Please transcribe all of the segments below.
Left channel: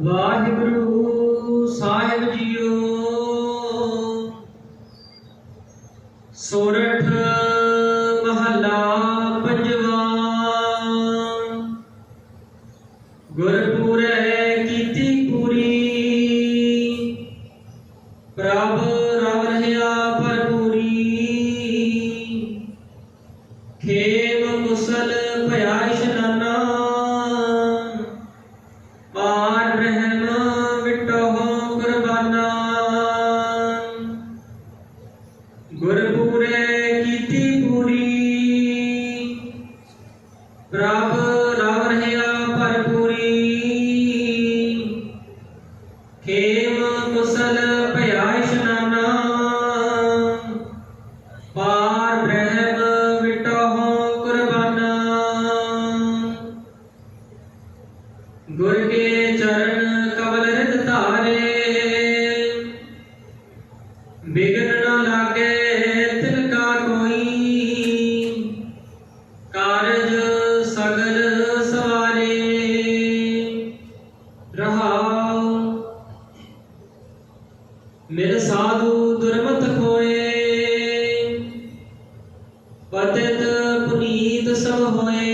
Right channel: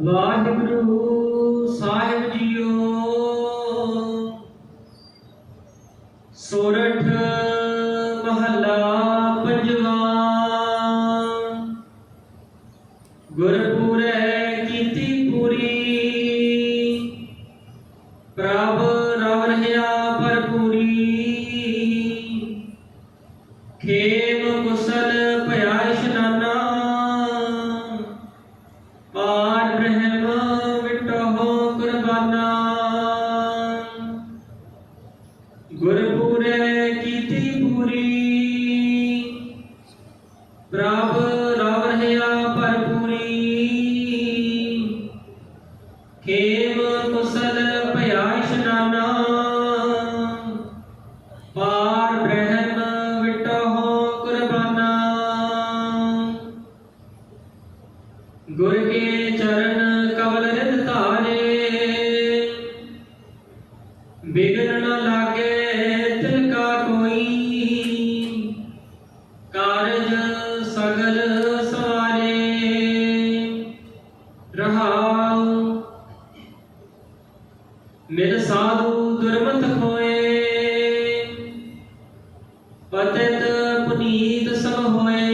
ਵਾਹਿਗੁਰੂ ਸਾਹਿਬ JIO. ਸੋਰਠ ਗੁਰਪੁਰੇ ਕੀਤੀ ਪੂਰੀ। ਪ੍ਰਭ ਰਵ ਰਹਾ ਭਰਪੂਰੀ। ਖੇਮ ਕੁਸਲ ਭਇਆ ਇਸ਼ਨਾਨਾ ਪਾਰ ਬ੍ਰਹਮ ਵਿਟੋ ਕੁਰਬਾਨਾ। ਗੁਰ ਕੇ ਚਰਨ ਕਵਲ ਰਿਤ ਧਾਰੇ। ਬਿਗਨ ਮਿਲ ਦੁਰਮਤ ਖੋਏ। ਪਤਿਤ ਪੁਨੀਤ ਸਭ ਹੋਏ।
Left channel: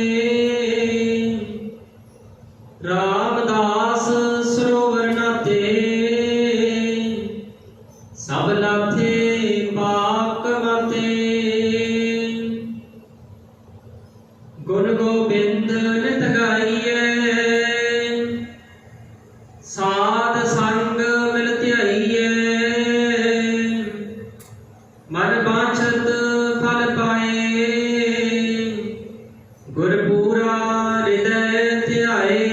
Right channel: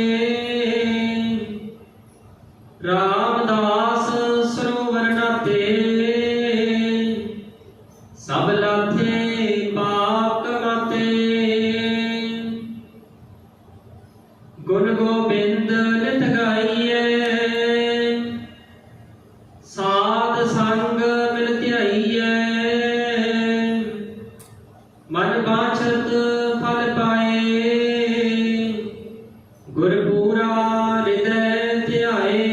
ਰਾਮਦਾਸ ਸਰੋਵਰ ਨਾਤੇ। ਸਭ ਲਾਥੇ ਪਾਪ ਕਮਾਤੇ। ਗੁਣ ਗੋਬਿੰਦ ਨਿਤ ਗਾਈਏ ਸਾਧ ਸੰਗ ਆਛਤ ਫਲ ਪਾਏ। ਗੁਰ ਪੂਰਾ ਹਿਰਦੈ ਧਿਆਏ।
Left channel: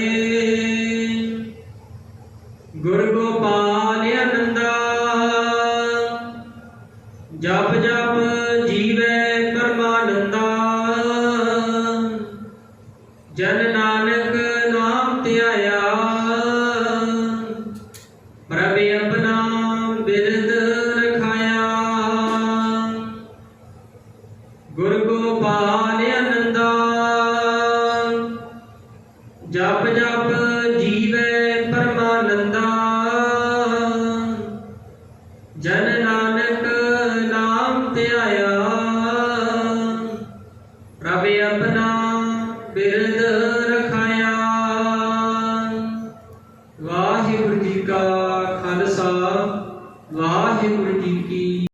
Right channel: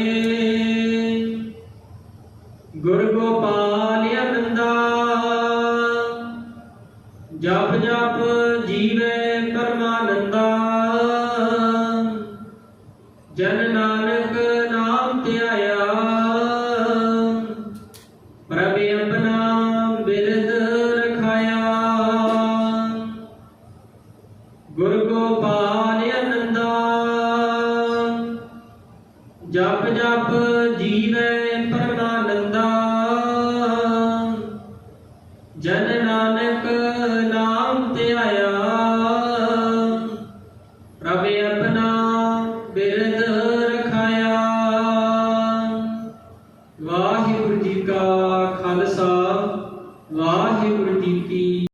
ਗੁਰ ਗੋਪਾਲ ਅਨੰਦਾ। ਜਪ ਜਪ ਜੀਵੇ ਪਰਮਾਨੰਦਾ। ਜਨ ਨਾਨਕ ਨਾਮ ਧਿਆਇਆ। ਪ੍ਰਭ ਆਪਣਾ ਬਿਰਦ ਗੋਪਾਲ ਅਨੰਦਾ ਜਪ ਜਪ ਜੀਵੇ ਪਰਮਾਨੰਦਾ ਜਨ ਨਾਨਕ ਨਾਮ ਧਿਆਇਆ ਪ੍ਰਭ ਆਪਣਾ ਬਿਰਦ ਰਖਾਇਆ। ਵਾਹਿਗੁਰੂ ਜੀ ਕਾ ਖਾਲਸਾ, ਵਾਹਿਗੁਰੂ ਜੀ ਕੀ